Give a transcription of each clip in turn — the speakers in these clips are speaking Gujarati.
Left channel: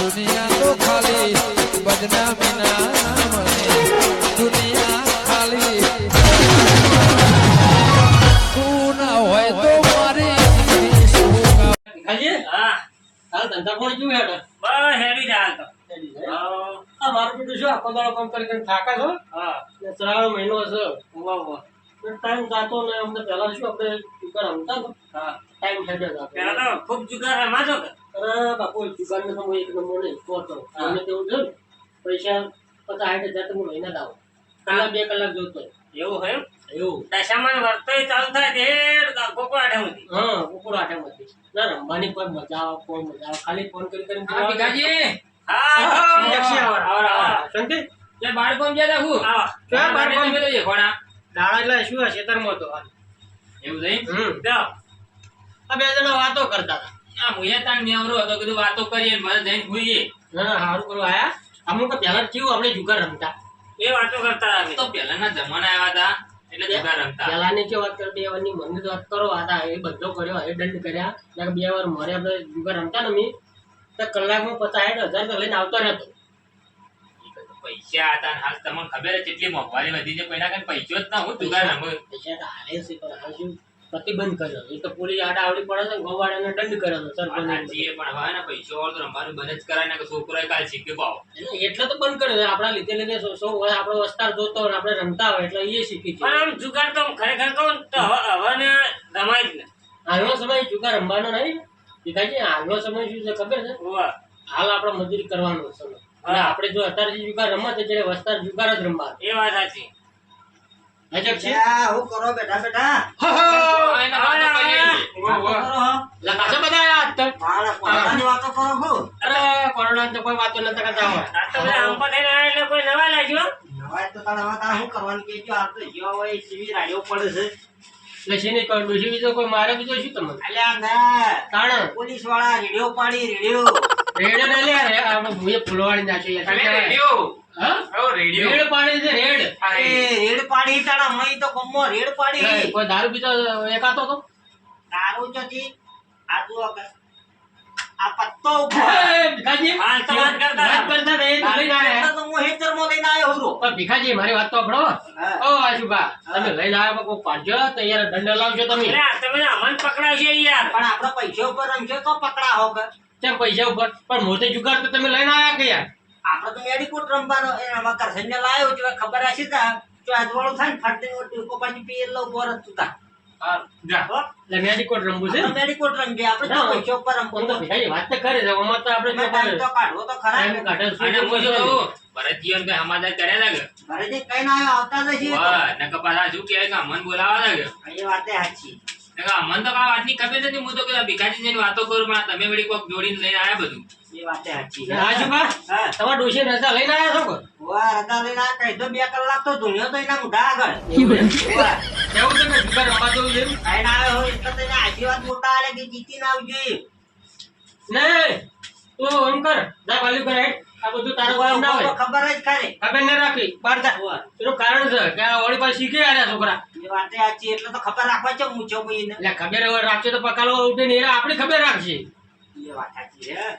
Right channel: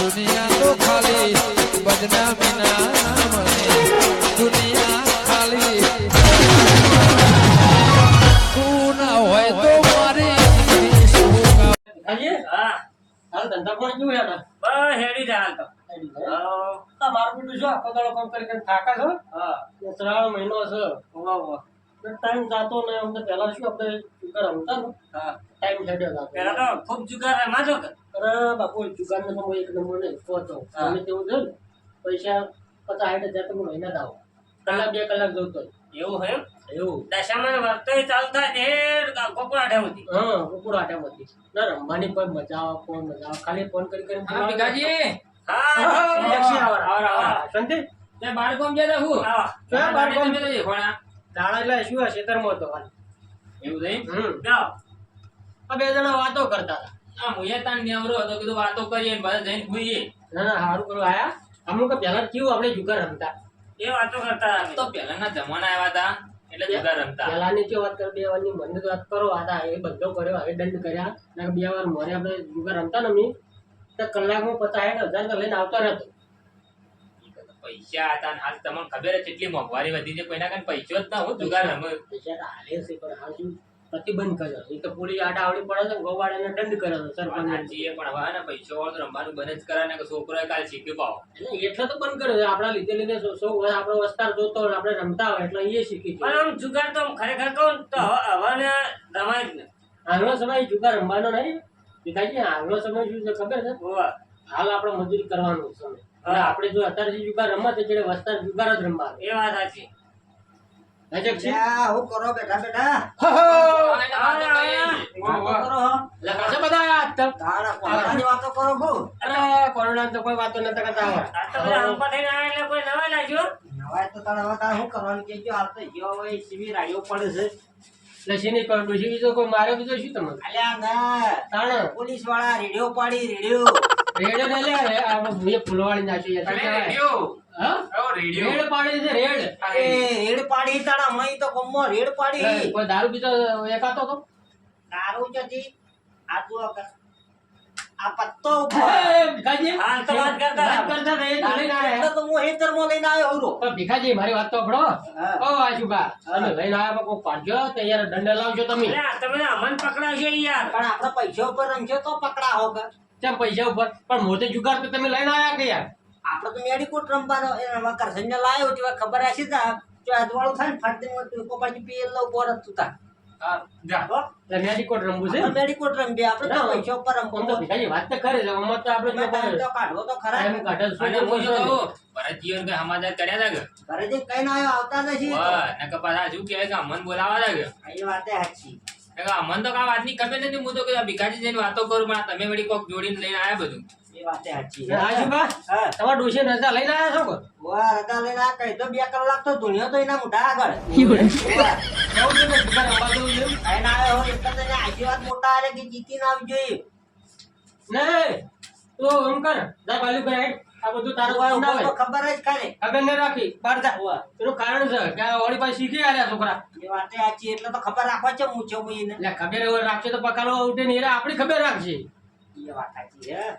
દુનિયા તો ખાલી બદનામી ના મને દુનિયા ખાલી તું ના હોય તો મારી ખાલી હા હાલ ધંધા કોણ જોયું હેડો બસ હેડી જા હાલ તો આ મારું બેટું શું આખો દાડો કામ કરીને થાકા છો હા ને શ્રાવણ મહિનો છે વાહ વાહ ટાઈમ જાતો ને અમને પહેલા શું આપણે જુગાર રમતા ને હા ટાઈમ હેડ્યો જાતો પેલા તો ખૂબ જુગાર રમાતો કે અરે બાપુ જુગાર ને સમય એક નંબર નહીં પહોંચો અમે તેવું છે ને પૈસા 50-60 હજાર તમે મહિના દાવો કલાક 2 કલાક જોતો એવું હે એવું દશામાં વર્તોય ચાલુ થાય તે કોકો આઠા હતી હા કુકુર આટામાંથી ના રમવાની કોઈ મજા આવે કોઈ મજા આવે ખાલી ફોન કરી કરીને હા ભીખાજી શાંતિ તે બાળકોમ જતા હું ક્યાં બાળકોમ? મેં તો કોણા દાડા એટલે શું હશે ખેતરમાં હતો હાલ. એવું થઈ જાઓ આ બે જણા વાતો કરતા હતા આ મુયે તાન નેવરો હતો કીધું વાતો કરીએ ને બધા જઈને ભૂઈએ ના ના સારું કરવા આયા અમુક પહેલા કેવું આપણે જુગાર રમતા એ વાતો કરતા હતા તો પહેલાના જમાના આવ્યા હતા એટલે જુગાર રમતા પહેલાની કે વાત કરો 2 વારની મનની વાત કરો આ એ બધો કર્યો એ દંડ કર્યા ને 2 વાર મોરે આપણે જુગાર રમતા ને મી તો કલાકમાં 50-60 હજાર તો લઈને આવતો રહેતો પૈસા હતા ને હાલ તમને ખબર છે કેટલી મોંઘવારી વધી છે કોઈના કાન પૈસો જ ના હું જુગાર રમું પૈસા તો હાલે છે પણ હાલ શું પ્રતિબંધ કર્યો એ તો પોલીસ આડા આવડી પડે છે ગોવાળાને દંડ કર્યો છે સરપંચ હાજીએ પણ હવે ને પૈસો વાળો તો રમવાનું બંધ જ કરાય ને કે છોકરોએ કાલ શીખી પાવો એટલે તો બંધ કર્યો આપણા લીધે સૌ આપણો વસ્તાર જોતો હોય આપણે રમતા હોય એટલે એ શીખી છે પણ આમ જુગાર તો ખરેખર કહું ને તો હવે ને રમાય જ ને હાલનો સમય જુગાર રમવાનો નહીં ભીખાજી હાલનો સમય શું છે ખબર છે વાહ હાલ આપણે મજૂરી કરવાનો સમય અને આપણે જો અત્યારે જુગાર રમત એટલે વસ્તાર જુગાર જ રમવાનો એ વાત સાચી હજક છે હું કરો બેઠા બેઠા એને વાતો કરીએ. લખાશે બધા આયા આજ તક તારા કોણાની વાતો કરો હું અરે કોરોના તો કોઈ વાતો નતા કરતા હોય આ તો બધા હંપા થઈને આવ્યા એટલે કોઈ નવા લાગ્યો નવાય તો તારા હવે તારે શું કરવાનું કે જો હાલ તો જેવા હોય એ સીવી રાડીઓ પડે છે લસી નહીં કરું ડોસી બીજો કોઈ મારે બીજો શું તમને અલ્યા ના તાણ પોલીસ વાળા રેડિયો પાડી રેડિયો રેડ ને લે રે આપણે ભૂએ ફૂલવાડી નાખ્યો તમે રેડિયો હા ઓ રેડિયો રેડ પાડી છે રેડ એ રેડ પાડી તારા મય તો ગમો રેડ પાડી કોઈ દારૂ પીતો એકાતો તો તારું જતી આ જુઓ કે આ પત્તો ઉભો ભીખાજી હાલ તો વાત કરતા હતા. વાત કરતા હતા, એ તો લઈને આવ્યા. તો હું હેતરમાં લઈને આવ્યો હું પણ ભીખાજી મારી વાત તો સાંભળો ઓ આશુભા તમે લઈને આવ્યા કોઈ પાડજો તો યાર દંડ લાવજો તમે અરે તમે અમન પકડાવશો યાર પણ આપણા પૈસા ઉપર રમશો તો પકડાવો કે કેમ પૈસા ઉપર પણ મોટે જુગાર તો તમે લઈને આવ્યા કે યાર આપણે તો મેડિકોટ રમવાનો એ એમાં કરસનને લાવ્યો છે ખબર હશે તા જો આજવાળું થાય ને ફાટી કોપાજી પીએલ લો બોર તું તા જા એટલે મેડિકોટ રમવું છે આપણે મેડિકોટ રમજે આપણે તો પૈસા ઉપર પણ તો રમવાનું ભીખાજી વાત તો કરે છે અમાર તો આપણે જો ટાઈમ તો કાઢવો તો ખરા ટાઈમ કાઢે અને શું હું શું કરવું કહું ભરતજીવન કઈ સમાધાન કર્યા લાગે ઘરે જે કઈ ના આવ્યો આવતા નથી વાહ નકર પાછા શું કહે કે અમન બોલાવા લાગે એ વાતે સાચી નકર અમન તો કાંઈ વાતની ખબર નથી હું તો કીધું ભીખાજી જઈને વાતો કરું પણ આ તમે વળી કોક જોડીને લઈને આવ્યા બધું એ વાતે સાચી છે આશુભા હા તમારા ડોશી નતા લઈને આવ્યા છો કોઈ વાહ રદા લઈને આ કહી દો 2 કલાક તો ધૂણ્યો તો એના મોઢા આગળ એવું છે કે જુગાર રમવા જવું છે કઈ ના આવ્યો હોય એટલે તને આશીર્વાદ મોટા આલે કે જીતીને આવજો એ નહીં તો એમ કર જા વાલી કરે આ બધું તારું કામ ના હોય ખબર જ ખરે ખબર ન રાખી બહાર જા એનું કારણ છે કે આ વળી પાસે શીખી આવ્યા છોકરા એ વાતે સાચી એટલે તો ખબર રાખવા છે મૂછો ભાઈને એટલે ખબર હોય રાખશે તો પકાલો ઉઠીને એ આપણી ખબર રાખશે એ વાત સાચી હે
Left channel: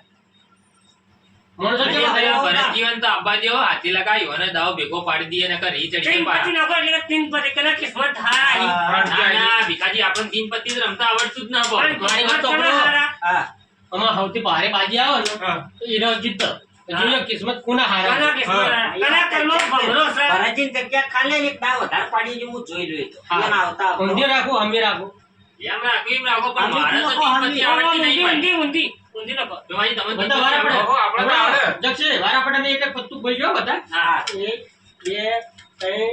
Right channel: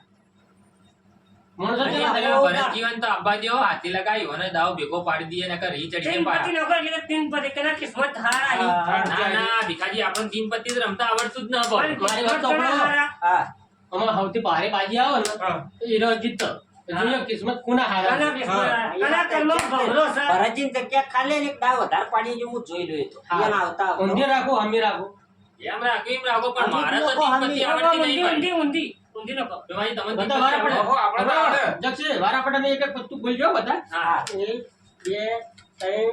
માણસો અરે, કેવા અરે, થયા? ભરતજીવન તો આબા જેવો હાથી લગાવ્યો અને દાવ ભેગો પાડી દઈએ નકર ઈ ચડી તીન જાય પતિ પાછા. નગર એટલે તીન પતિ કના કિસ્મત હારી ના ના ભીખાજી આપણને તીન પત્તી જ રમતા આવડતું જ ના પણ ભાઈ. મારી વાત તો કિસ્મત કના સાંભળો. હારા? હા આમાં સૌથી ભારે બાજી આવે ને તો એનો જીત જોઈએ કિસ્મત કોના હારા કના કિસ્મત હારા? કના કર્મો ભમરો છે ભરાજીન જગ્યા ખાલી એક દાવ વધારે પાડી જે હું જોઈ લઉં તો હા. એના આવતા ઊંધી રાખો હમી રાખો એમ રાખો એમ રાખો પણ મારે તો હમી તીન પત્તી લોકો, આવડતી નહીં ઊંધી ભાઈ. ઊંધી ઊંધી નો કહો. ભીમાજી, તમે તીન બધા પત્તી વારા પડે આવડે? આપણે જક્ષે વારા પડે મેં એક એક પત્તું બોલ્યો બધા હા 1 2 3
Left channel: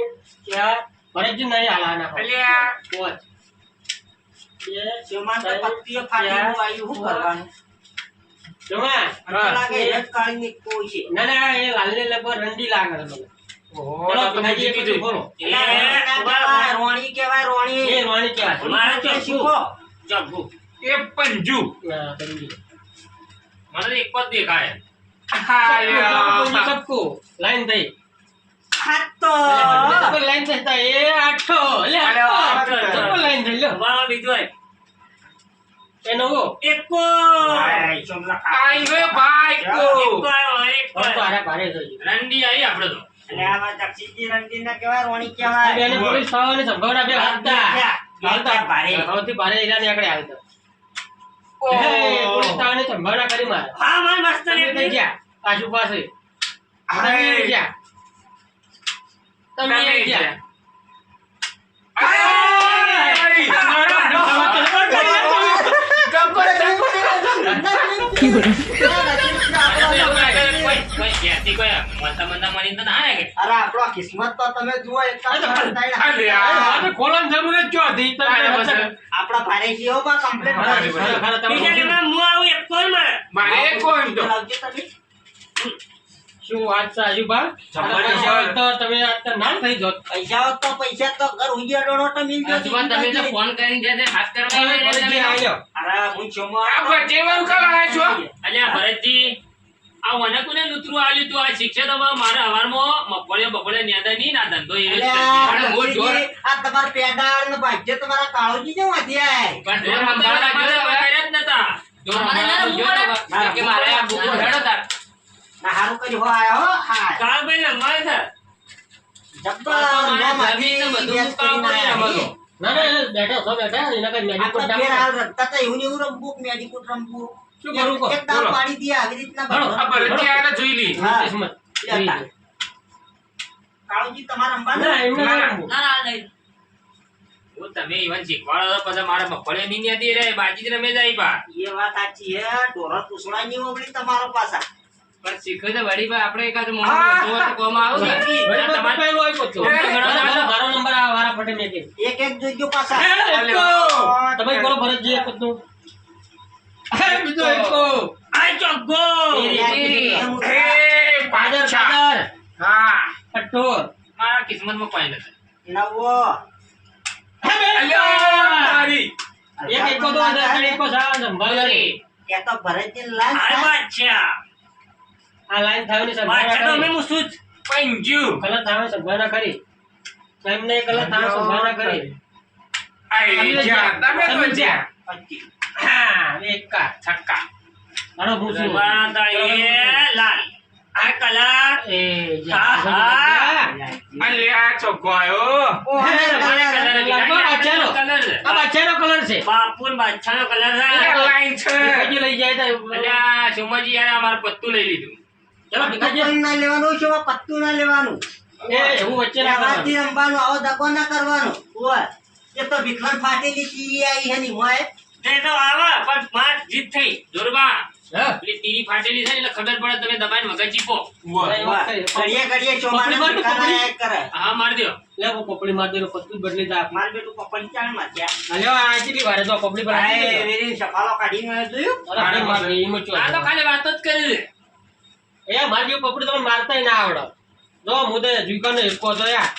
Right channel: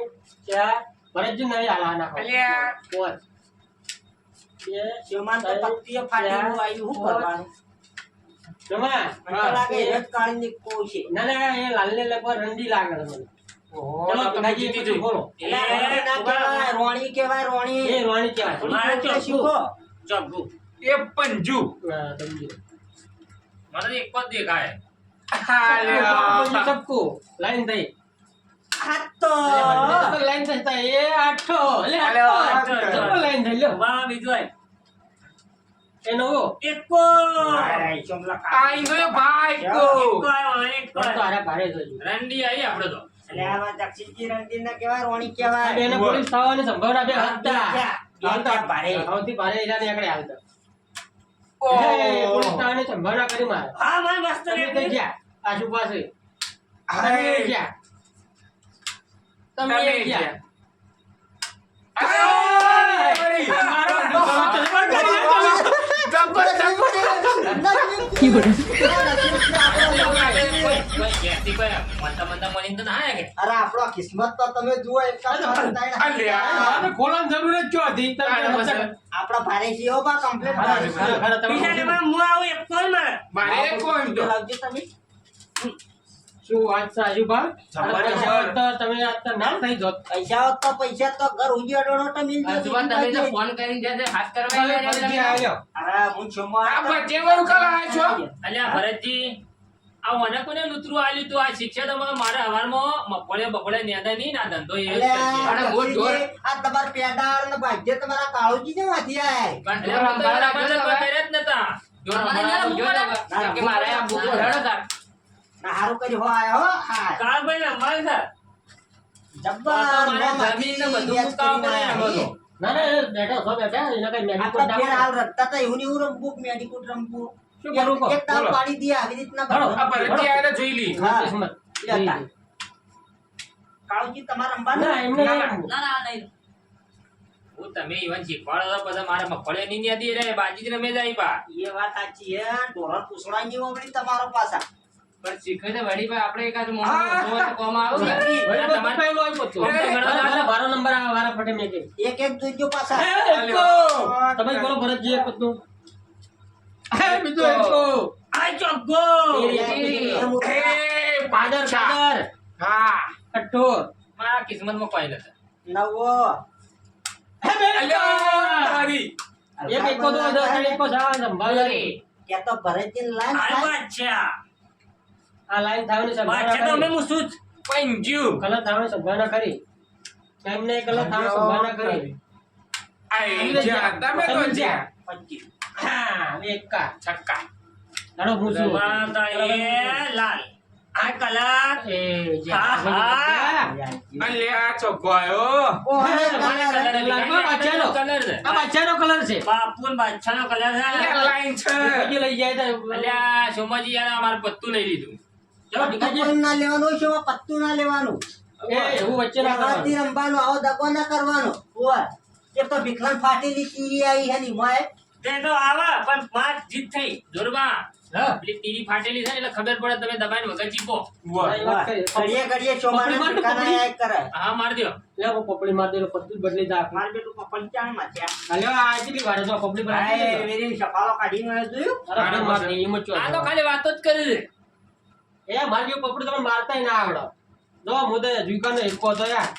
4 ભરતજી નહીં હાલા નાખો અલ્યા. 5 2 શેમાં તો પત્તીઓ ફાટીને આવ્યું શું કરવાનું જમા મને લાગે એ જ કાળની કોઈ છે ના ના એ લાલને લગભગ રંડી લાગે છે મને ઓહો, ચલો તો તમે ભીખાજી એક જીતી બધું બોલો એલા રોણી ના કહેવાય, રોણી કહેવાય રોણી એ રોણી કહેવાય મારે તો ચોખ્ખું. શીખો ચોખ્ખું. એ પંજુ હા, સમજી. મને તો એક જ દેખાય સબકો, સબકો લાઈન થઈ આ તો લાઈન થઈ તા એ આઠો લે આઠો. આઠો લાઈન થઈ લ્યો ઉભામાં બીજો હોય. એ નવો એકો ભાઈ, ચોમલા ખા. આઈ રે ભાઈ કો એકો આવ્યો, એકો તો આવ્યો. આરા ભારે જોજો રંડી આવી આપણે તો એટલે આમાં દક્ષિણજી રણજીતના કહેવાય, રોણી કહેવાય. એને પોલીસ થવાની સંભાવના બે હાલતા હાલતા ભારે. સૌથી ભારે એરિયા ની આગળ હાલતા પોલીસ થવાની સંભાવના કરી મારે હા ભાઈ મસ્ત તમે ને કઈ ગયા આજુ પાસે તમે કઈ ગયા તમે કઈ ગયા અરે આપણો કિસ્મત તો તમે જુઓ એક ખોલવાની જરૂર જ શું હતી આપણા ભારે છે હો બા કમ્પ્લીટ બીજા નંબર હું આવું એકો ને લાવજો તમે. શું વાત છે આજુબા તમે આજ તો ના થઈ જોત પૈસા હોત તો પૈસા તો ઘર ઉજ્યાડો નો તો મિલ જશે. આજુબાજુ તમે તો ફોન કરીને જશે હાથ કરવા આવ્યા ને તમે. અરે હું ચોમા અલ્યા ભરતજી આ મને કોને લૂતરું આલ્યું તું આ શિક્ષા તો મારા હવારમાં મફળે બફળે નેદા નહીં ના ધંધો એ જ અલ્યા, કરશે. આ તમારા પેડાળ ને ભાગ્ય તમારા કાળુજી જેમ હતી આય. પણ ઢોર સંભાળવા જો તો કર્યા જ નતા. ઢોર સંભાળવા જો તો કે મારે આ બુકો હેડો તાર. ના હારું કર્યું હો આય હો હાય. કાળભાઈ ને મળે છે જબ્બર જમીન ને બધું મુકાવવું પડે ને બધું. ના ના એ બેઠો છો બેઠા એના કઈ મેગી આપણા કોટ ફેર હાલ રમતા હતા એવું ને એવું રમવું કે મેડિકોટ રમવું. શું કરું કહો? એક દાવ બોલો. પાડી દે આવી રીતના હાલો, બધું. આ ભરતજી આયા જોઈ લી. હા. કિસ્મત. લેતા. કાળુજી તમારે રમવાનું? ના એમને ના રમવું. હું તમે ઈવન શીખવાડો તો પછી મારા મફળે નહીં નેદી રે બાજી જ રમે જાય પા. એ વાત સાચી હે ઢોરા પૂછડા ની ઓગળી તમારો પાછા. પણ શીખે તો વળી ભાઈ આપણે એકાદ મોટો તો કોમ આવું ને. વળી બધું તમારે પહેલું આપ્યું હતું. મારો નંબર આ વારા ફટે મેગી. એક એક જોઈજો પાછા. તમે બોલો ભરતજી એક પત્નું. બીજો એકો. આ ચોગ્ગો પાદર પાદર. હા અઠ્ઠો. મારા કિસ્મતમાં કોઈ નથી. નવો. એક એકો તો અંદર એકો સાવ સંભાળી. કે તો ભરતજી લાઈન આ થાય. બાદશાહ આ લાઈન થાવની બાદશાહ તો સંભાવના અમે કરી. મૂસું જ પંજુ કલર થાવની સંભાવના કરી. એમને કલર થાવની સંભાવના કરી. તમે જ્યાં. પચીસ. હા, એકા. છક્કા. હાલો, હું છું. બતાઈએ લાલ આ કલર એ જા. હા, હા. ઓહો, આ બાદશાહનો. આ બાદશાહનો કલર છે. બાપુ બાદશાહનો કલર છે ભીખાજી લઈ જાય તો અલ્યા સોમાજી યાર આ મારું પત્તું લઈ લીધું. ચલો ભીખાજી. પત્તું ના લેવાનું છે પત્તું ના લેવાનું. એ એવું વચ્ચે ના કરવાનું. વ્યવહારથી રમવાનું આવો દગો ના કરવાનો. ઓય. એ તો ભીખલાન ફાટેલી ચીરી આવી હે ની મોય. તે તો આવે પણ માર જીત થઈ જોરબા હા. પેલી તીરી ફાટેલી છે ને એટલે ખબર પડે તમે દબાઈને વગર ચીપો. એ વાત કરી. ઘડીએ ઘડીએ ચોમાને પકડી માર તો ભીખાના પકડી. એક કરે. હા માર દ્યો. લે હું પોપડી માર દેલો પત્તું જ બદલી દા. માર બેટું પંચાણ માં થયા. હાલ્યો આ કેટલી વાર જો પોપડી પર ભાઈ આપી દે. વેરીને સફાળો કાઢીને મેં જોયું. અરે ભાઈ માર દે એમ જ આ તો ખાલી વાતો જ કરી દે. એ માર જેવું પોપડી તમે મારતાય ના આવડો. જો હું તો જીવકાનો એકો તો યાર.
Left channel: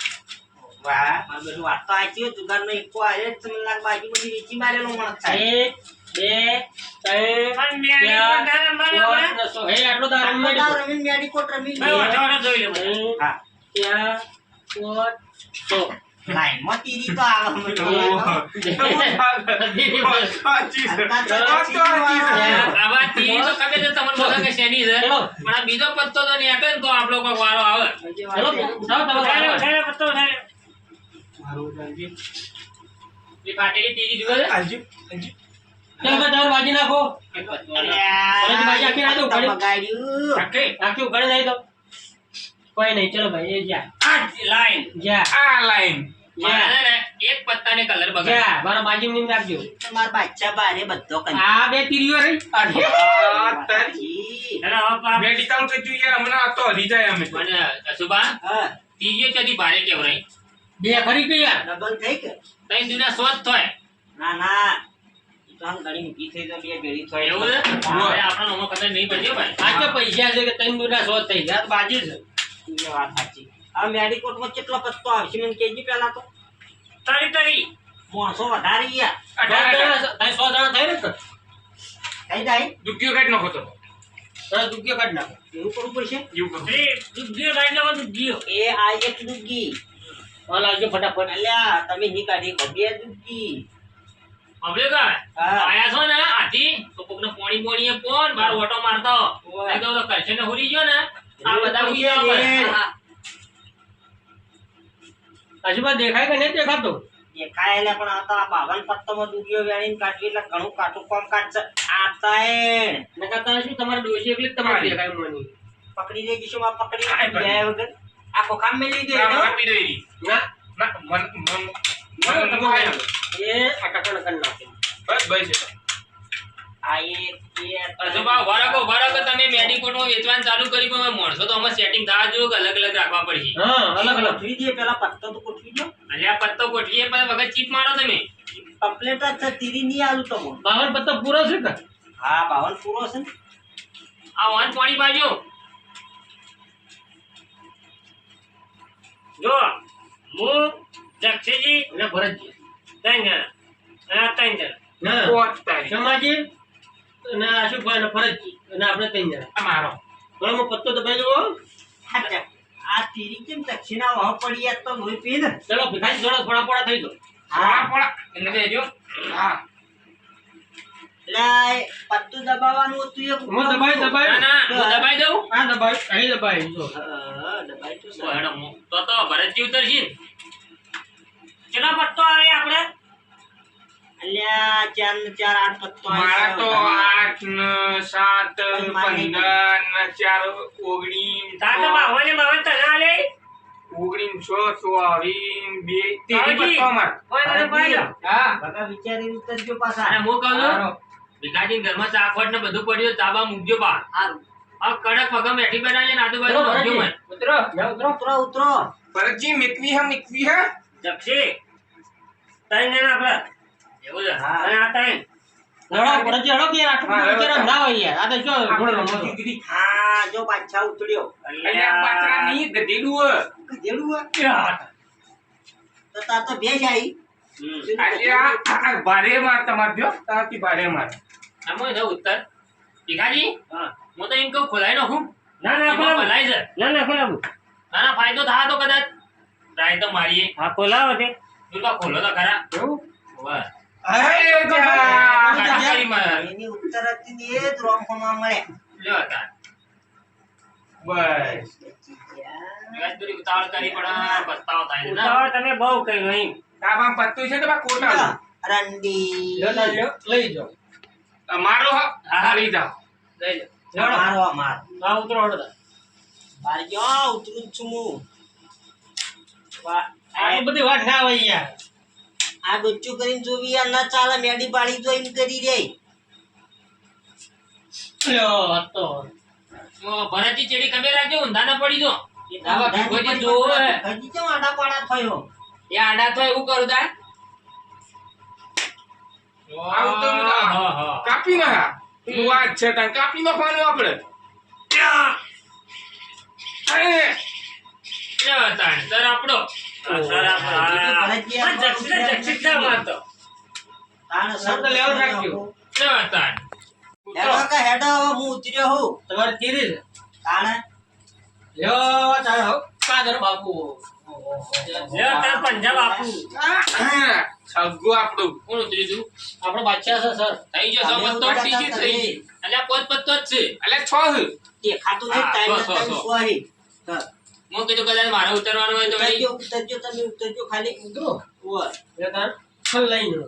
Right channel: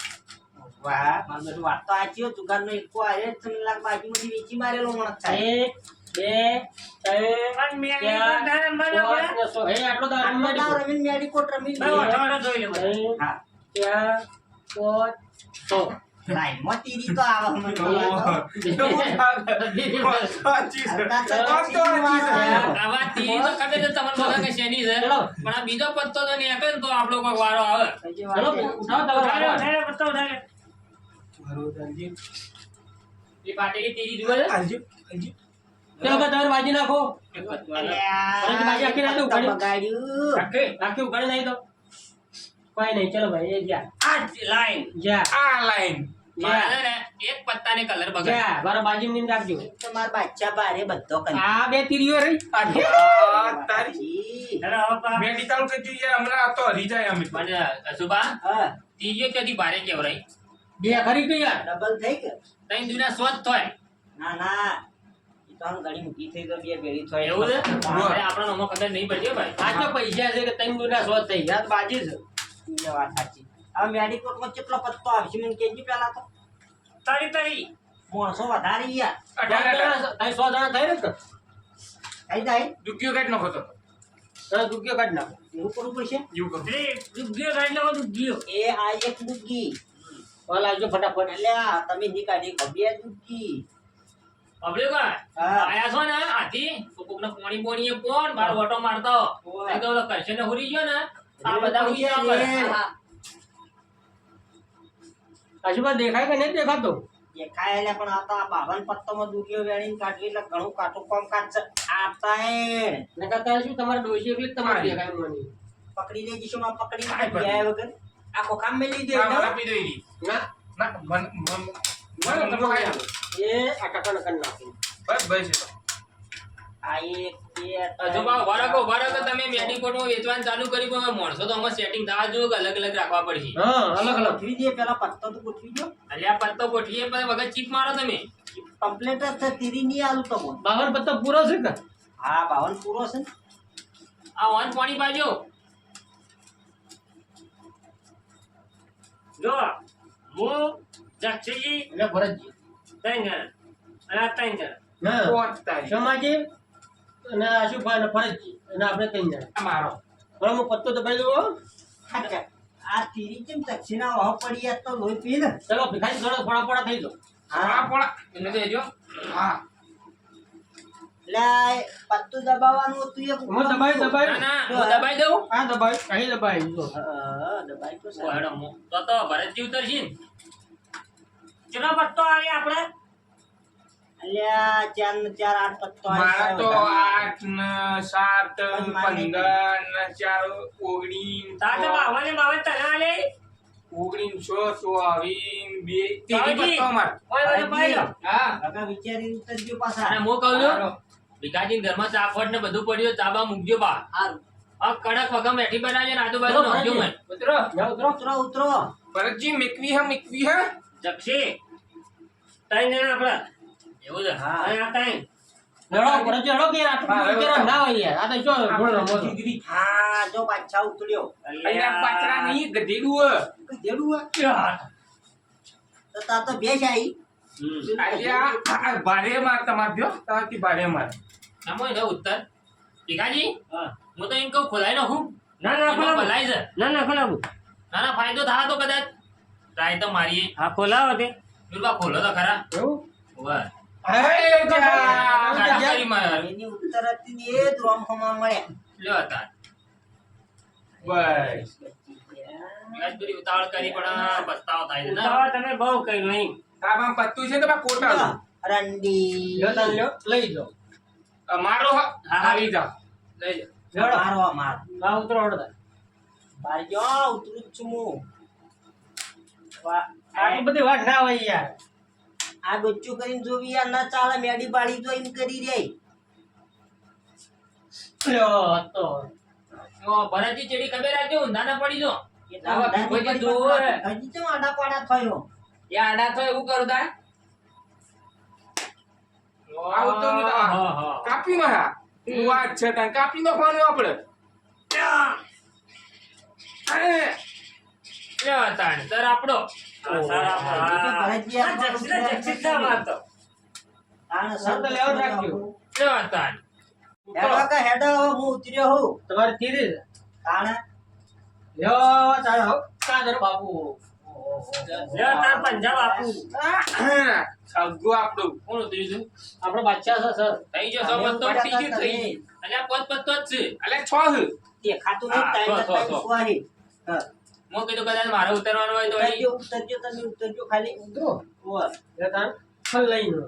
વાહ માર બેટું વાત તો આચી હો. જુગારનો એકો આયો જ તમને લાગે બાજુમાંથી વેચી મારેલો માણસ થાય. 1 2 3 પણ મેરી કોઠાને મને આપણે હે આટલો તો આરામ માં આ રમીને મેડિકોટ રમી ભાઈ લઈએ. વટાવટા જોઈ લે બધા. હા. ત્યાં પોત તો લાઈનમાં તીરી તો આવે હમણાં તો. આવા તીરી તો ખબર છે તમને બધા કે શેની છે. ચલો. પણ આ બીજો પત્તો તો નહીં આપે ને તો આપણો કોઈક વારો આવે. ચલો ઉઠાવ તમારો ઉઠાઈ લે, વારો. ઉઠાઈ લે, પત્તો ઉઠાઈ લે. એ ફાટેલી તીરી જુએ છે? ચલો તો તમારે વાજી નાખો. એક પત્તો અરે આવે. અરે ભાઈ આખી રાત ઉઘાડી. બગાડ્યું. આખી? આખી ઉઘાડી નહીં તો કોઈ નહીં. ચલો ભાઈ એ જા આ જ લાઈન જા મારે છે ને એક પત્તાને કલર બગાડ. જા મારો બાજી નીમ રાખજો. તમારા બાદશાહ બારે બધો કંઈ. આ બે તીરીઓ રહી. બાજી. અને હવે પા- પણ અશુભા હા, તીરીઓ ત્યાંથી ભારે કેવરાય. બે ખરી ગઈ યાર. ડબલ થઈ કે? તઈ દુના શોધ થાય. ના ના ઈ તો આમ ઘણી ઊંઘી થઈ તો બે ભેળી થઈ. એવું છે? અરે આપણો નમો ખબર નહીં પડ્યો ભાઈ. આ તો પૈસા છે કે ત્રણ દુના શોધ થઈ જાય. આ તો બાજી છે. એ વાત સાચી. હવે મેડિકોટમાં કેટલો પત્તો આવશે મને કહેજે પહેલા તો. તરી તરી માણસો વધારે ગયા. 100 જણા થાય ને તો થઈ જાય દુખ્યો કાઢ નાખો તો. દસ રૂપિયા કાઢ નાખો. એવું કરવું પડશે. એ દુગ્ગીઓ કાઢી નાખો, દુગ્ગીઓ. એ આ એક દુગી. હા લાવજો ફટાફટ. અલ્યા તમે ની કાઢી બે દુગી. પબ્લિક હા. આયા છો ને આથી તો કોકને પોણી પોણીએ પોન બાર ઓટો મારતો ઓવે. એ તો કરશને હુરી ગયો ને આ એ બધા તો હુઈ ગયા છે પર. ને. હા. આજુબાજુ દેખાય કે નહીં દેખાતું દેખાય એટલે પણ આ તો આ બાવન પત્તોમાં દુધિયો વેણીને કાઢવી એટલે ઘણું કાઠું કામ કાઢશે. આ તાય નકર તારે શું તમારે ડોશી એકલી જ તમારે દેખાય મને પકડી લઈ જઈશું, આ પકડી હાય, લઈ ગયા વગર આ ખોખામ મેલી દે ના, ને. આપી દો એરી. ના ના, મન આયા. એ આ કાકા કરી નાખી બસ બસ એ તો. આ એક બે હજુ બા ઉભા રાખો તમે મેડિકોટમાં વેચવાનું ચાલુ કરી પણ માણસો તો આમાં સેટિંગ થવા જો અલગ અલગ રાખવા પડશે. હા અલગ અલગ ગોઠવી દે, પેલા પત્તો તો ગોઠવી દો. અલ્યા પત્તો ગોઠવીએ પણ વગર ચીપ મારો તમે. કમ્પ્લેટ જ છે, તીરી નહીં આલું તો હું. બાવન પત્તો પૂરો છે કે હા 52 પૂરો છે ને. આ વાન પાણી પાજો. જો હું જક્ષીજી એટલે ભરતજી ત્રણ જણા અને આ ત્રણ જણા ના પોત તારી. ક્ષમાજી અને આશુભાઈ અને ફરજજી અને આપણે ત્રણ જણા આ મારો પણ હું પત્તો દબાઈ દઉં હાચા. આ તીરી કેમ દક્ષિણા વાહ પડી યાર તો લોહી પી ને. ચલો ભીખાઈ થોડા થોડા પોડા થઈ જાઓ પોળા પોળા એટલે દેજો. હા એટલે આ પત્તું દબાવવાનું હતું એક. હું દબાઈ ના દબાઈ ના હું દબાઈ દઉં. આ દબાઈ અહીં દબાઈ જો હા, દબાઈ તો ઓ સારું. હેડો તો ભરતજી ઉતરશે ને. કેટલા પત્તો આવે આપણે અલ્યા 4 ને 4 8 પત્તો મારા તો આવ્યા. 8 ને 7 15 ને 4 19 તારે તો બાવને બાવન તને આલે 19 22 બાવજી. પત્તો અમાર. ઓય મને પાઈ લો હા બકા વિચારીને ઉતરજો પાછા. અને હું કહું છું સારો. ભીખાજી ઘરમાં ચાખવટ ને બધું પડ્યું ચાબા મૂકજો બા. હારું. આ કડક વગમ બેઠી બનાવજો ને આજુબાજુ ઉતરો, મૂકજો ભરતજી. મને. ઉતરો જાઓ ઉતરો ઉતરો ઉતરો. ભરતજી મિકવી હે જક્ષી ત્રણ જણા આપણે એવું છે. હા. અને આ ત્રણ લડો ભરતજી લડો કે આટલું હા, વિચારો ના હોય યાર આ તો શું ઘોડો રમો છો હા જો બાદશાહ ઉતર્યો. અહીંયા પાત્રા નહીં ગધેડું ગધેડું હે? તો તા તો ભેજ આઈ. અલ્યા આ ભારે માર તમાર જો તાથી ભારે માર. આમાં એને ઉત્તર ભીખાજી હા હું તો એમ કહું ખોલાઈ નાખું. ના ના એમાં ખોલાવો ભલાઈ છે. ના ના ખોલાવો ના ના ફાયદો થાય તો કદાચ ટ્રાય તો મારીએ. હા ખોલાવો તે દુર્ગા ખોલો તો ખરા. એવું વાહ. અરે જા. કાઢી કરી મારે. એની ઉત્તર હતી ને એ જ રોમખોમાં મળે. લ્યો તાર. બસ વિકાસભાઈ ઉતાવળ કરી પણ પસ્તાવો થાય છે ને. ઉતાવળ તમે બહુ કઈ નહીં તાબામ પત્તું છે તો બા કોટા રંડી. લ્યો તાન લ્યો લઈ જાઓ મારો હા લઈ જાઓ. લઈ જાઓ લડો મારો આ માર. આ ઉતરો હડો બાર ગયો ઉતરું જ છું હું. આટલી બધી વાત ના હોય યાર આ ડોચ્ચું કરીને જોવી યાર ના ચાલે. મેડી પાડી તો એમ કરી રે. લ્યો આ તો તો ભરતજી ચેડી ખબર રાખજો ઊંધા ના પડી જો. એ આવા ભીખોજી જોવે. હજી કેમ આડા પાડા થયો? એ આડા તો એવું કરું તા. આવું તો હા હા કાપી ના તું વાત છે તને કાપી નાખવાનું આપણે. અરે લ્યો તાણ સર આપણો. ભરતજી આ જક્ષી ના મારતો તાણ સર તો લેવા જ રાખજો. લ્યો તાણ. હેડો કે હેડો હવે હું ઉતર્યો હું. તમારે તીરી છે તાણે લ્યો તાર હો કાદર બાપુ લ્યો તાર પંજાબ આપું. સગો આપણું કોણ ઉતર્યું તું? આપણો બાદશાહ છે સર થઈ ગયો સો પત્તો થઈ ગયો થઈ ગયો. અલ્યા પોત પત્તો જ છે. એટલે 6 દેખાતું નહીં. હા, ટાઈમ સો, નથી સો. સોરી. હા. હું કીધું કદાચ મારે ઉતરવાનું હોય તો વળી. ઉતરજો તમે ઉતરજો ખાલી. ઉતરો ઓય. લ્યો તાર ફલ લઈને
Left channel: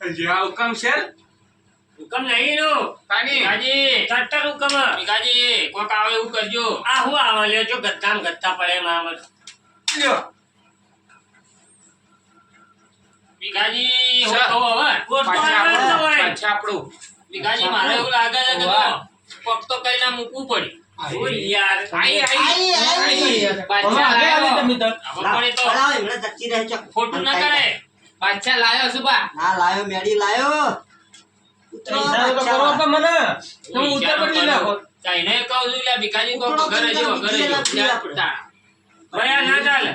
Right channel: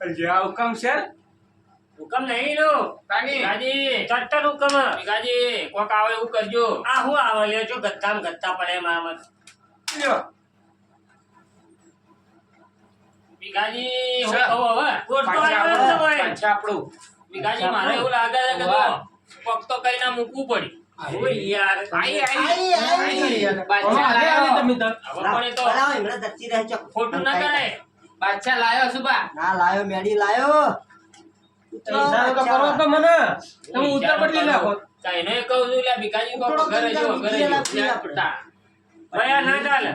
લ્યો હુકમ છે હુકમ નહીં નો તાની ભીખાજી ચટ્ટર હુકમ ભીખાજી કોક આવે એવું કરજો. આ હું આવે લ્યો જો ગત્તામ ગત્તા પડે એમાં આમ જ. લ્યો ભીખાજી હું સર. કહું હવે. કોર્ટ તો પાછા આગળ જ આપણું હોય. પાછા આપણું ભીખાજી મારે એવું લાગે છે કે વાહ. તો કોક તો કઈ ના મૂકવું પડી. ઓય યાર આઈ આઈ, આઈ. બાદશાહ હવે લાયો. આવી તમે તો હવે પણ એ તો લાવો, એમણે ધરતી રહે છે. ખોટું ના કરાય. બાદશાહ લાયો સુબા. ના લાયો મેડી લાયો. ઉતરો ઈશારો તો બચ્ચા. કરો તો મને તો હું ઉતર ઈશારો પડી નાખો તો એને કહું છું એટલે ભીખાજી કોક ઉતરો ઘરે તો જો બીજી ઘરે જો. લાપસી આપણે. ભયા ના ચાલે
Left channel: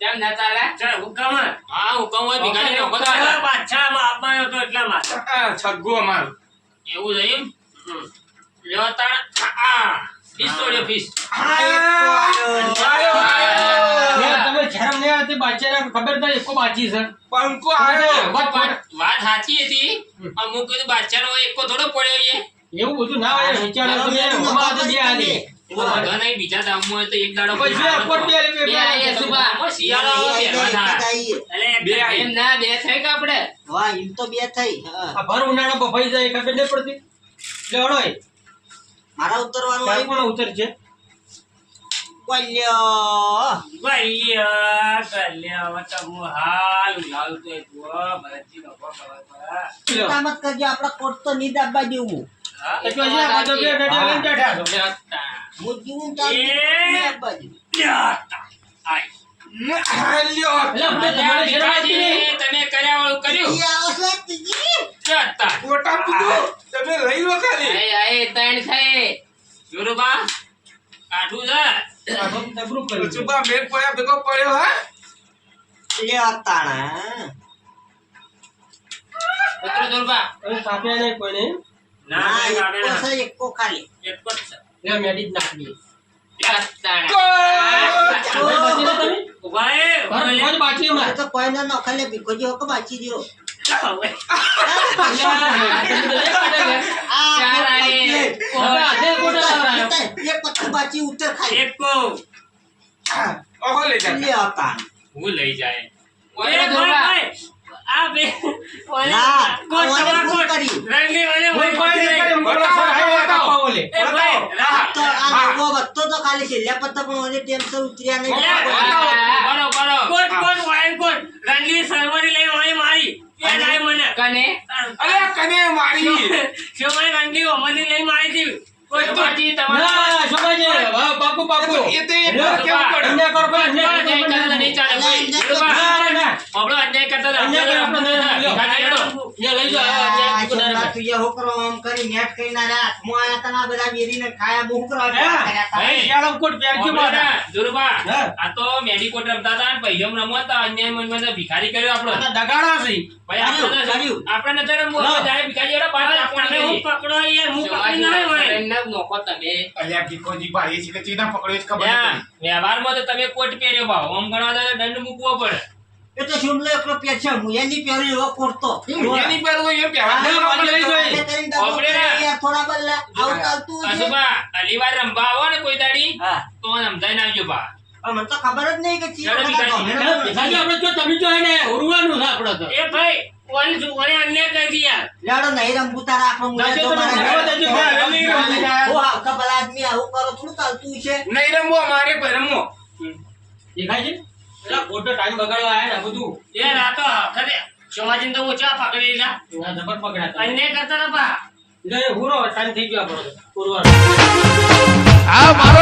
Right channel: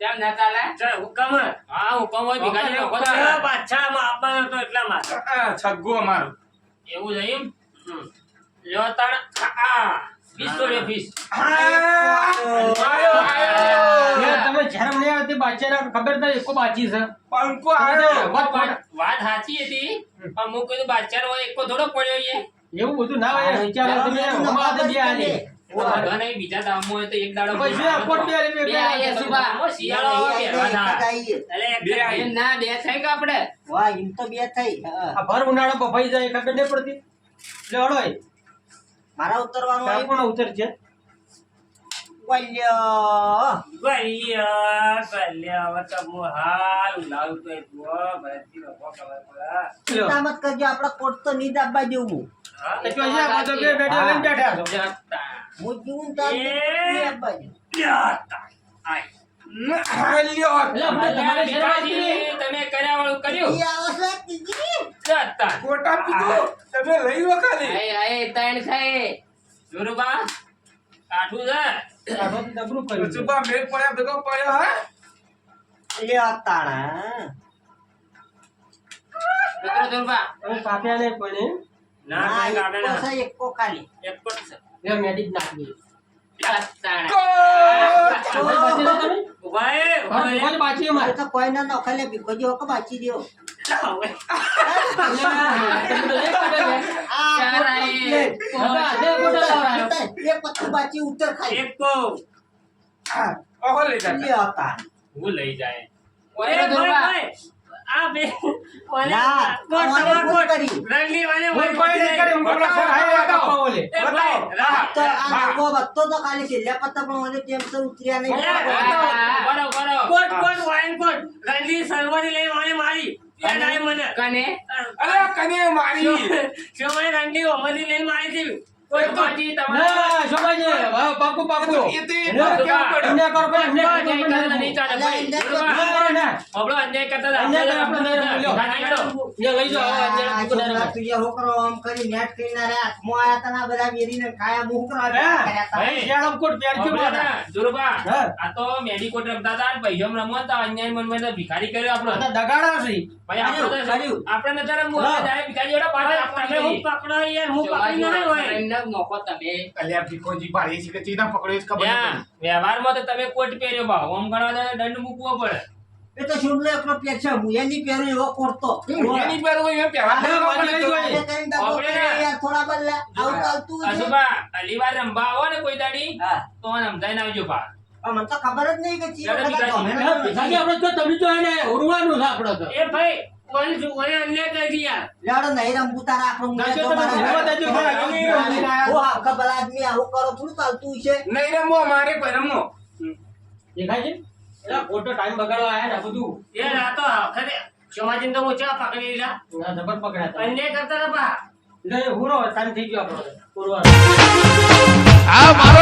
કેમ ના ચાલે? ચાલ હુકમ હા હુકમ હોય ભીખાજી નો હુકમ પેલા ચાલે. બાદશાહ માં આપવાનો તો એટલા માં સગો અમારું એવું છે એમ? લ્યો તાણ. આ ફીસ તોડ્યો ફીસ. આયો આયો તમે શરમ નહીં આવતી બાદશાહ ખબર નથી કો બાચી છે પંકો આવ્યો વાત વાત સાચી હતી અમુક કીધું બાદશાહનો એકો થોડો પડ્યો છે એવું બધું ના હોય વિચારો તમે અમારા તો બે આલી વાંધો નહીં, બીજા દામમાં હોય તો એક દાડો પછી બે અપોટ બે આલી, બે આયા સુભા. આમાં શિયાળો પહેરવા થાય. બે આઈ. એમ ના બે થઈ કે આપણે વાહ એમ તો બે થઈ હા. આ ભર ઉનાળો બફાઈ જાય ખબર નહીં પડતી એટલે હળો એ મારા ઉતરવાનું કાં આવ્યું. પણ ઉતર છે બોલ્યો. ગલ્યા હવે તો હું હાલ લાવતો એક ભરતજી બાપા ખબર પડે. લ્યો. ચિંતા મત કરજો આપડા કોટ તો નહીં દાબવા જેવું હા? તો જો છે, આ તો બે રેડિયો લઈને બેઠા છો. જતા. હું જીવું તો આ નહીં દાબવા જેવું. જતા. આય. લ્યો. એટલે આપણે તમારે શરમ આવતી નહીં. ભીખાજી, તમે કર્યા વાળું કર્યું ઈ આવશે તીજી. જતા. ગોટા પીધું. તમે લઈ લો ખાલી. આય આય ત્રણ થઈ જોરુબા કાઠું છે આ તો જબરું કર્યું છે. સુભા મેલ પડ્યા ભેગો પડ્યો હા લ્યો તાણા. મિત્રો જોરબા હવે કાપ્યા નહીં કોઈને. ના ના, ના ગામે એકો ના છે, એકો ખાલી. એક જ છે લ્યો, મેડી જ નાખી દઈએ. ત્રણ હવે બાકી ના તમે? ઉભા એ, ઉભા હવે લે. કોણ બાકી હવે અમારે? તો કોઈ ના નોખાલે ભીખોજી હોકો બાચી દ્યો. હવે. તમે તો એક કાઢે લે. આ ચાર કોટ આઈ. complete. હવે આજે કોટા લાવરાયો. એક પત્તું બાચી ઉતર ખાલી. એક કહું. ઓહો લઈ જા લ્યો તાણ. હું લઈ જાય ઓય એ જોરબા. ભાઈ, આ બે ના, કોટ અમારે તમાર ભૂલ કોટ. કરી. રંગી મને કોઈ કોઈ નહીં કરે, હું બોલો સર, હાય હાય કાપવા બોલે. એ ભાઈ, રાહ. તો આ નવો વત્તો તો ખાલી છેલ્લા પત્તા પણ મને ટેન્શન ઉતર્યા નહીં. બરો, બરો. કોટ, કોટ, વાઈન કોટ. રંગી સલવાની લઈને વાળી મારી. યાદ આવે મને. કને અરે કને મારી શિવમણી રંગી ઓમની લઈને મારી હતી. કોટ, કોટ. પછી તમારે ના, શોભાજી, હા, પાકું પાકું. એ તો એ પર કેવું પડે અન્યાય કરો ભાઈ, અન્યાય અન્યાય કરો, કરતા નહીં ચાલે, ભાઈ. ના, ના. આપણો અન્યાય કરતા હતા. અન્યાય કરે આપણે નહીં, લ્યો. ભીખાજી હેડો. અહીંયા લઈ જાઓ, આ અહીંયા છોકરા અન્યાય તું જે હું કરવા આમ કરી નેટ કરીને આ હાથમાં આયા તા ને આ બધા વેરીને ખાયા બહુ કરવા કર્યા તા. ભાઈ, શિયાળામાં કોટ પહેરજો આપણે મારા. ના, જોરુબા, હા. આ તો મેડિકોટ રમતા હતા ને પૈસમ રમવા હતા, અન્યાય મનમાં ભિખારી કર્યો આપણો. આ તો દગાડા છે. ભાઈ આપણે કર્યું. આપણે નજર એમ ના. જાય ભિખારી એવડા બહાર આપવાની કરી. નોખો તમે અલ્યા ભીખોજી ભાઈ છે કે ચીના પકડ્યો છે ખબર ત્યાં નથી વ્યવહારમાં તો તમે કોટ પહેર્યો ભાવ ઓમ ગણવા જાય તો દંડ મૂકવો પડે. એ તો શુમલો એકલો પેટ છે હું એની પહેરી એવો કોરતો એની પર હોય એમ હા, પહેવા વાંચી લઈ જોઈએ. આપણે કરીને ડબ્બો આપણે કર્યો યાર, થોડા બદલા આવું ચાલતું છે. અશુભા અલીવાર રંભા આવો ને કોઈ દાડી હા તો સમજાઈને આવજો ભા. પણ મને તો ખબર જ નહીં કે ચીજ યાર, બધા ભીખાજી. ગમે ને. ભીખાજી, આપણે જો તમે જો એને ઉરવાનું છે આપણે તો. એ ભાઈ ઓને અન્યાય કરી દી યાર. લાડો નહીં રમવું તારા આપણો મુંડા દાજે તો તો મારે રમવા દાજે, ભાઈ, હું આખા ભલા આદમી આવું કરો થોડું ચાલતું છે. નહીં રમવો મારે પર રમવો દેખાય છે? અલા, ખોટો ટાઈમ બગાડવા આયા ને આ બધું. યાર આ તો ખરે સમાજીને તો ઓછા પકડી લીધા. ના, જબર પકડ્યા હતા. અન્યાય કરતા હતા ભા. એટલે એ હુરો ટાઈમ થઈ ગયો આપણો તો. ઉરવાનો. આ મારો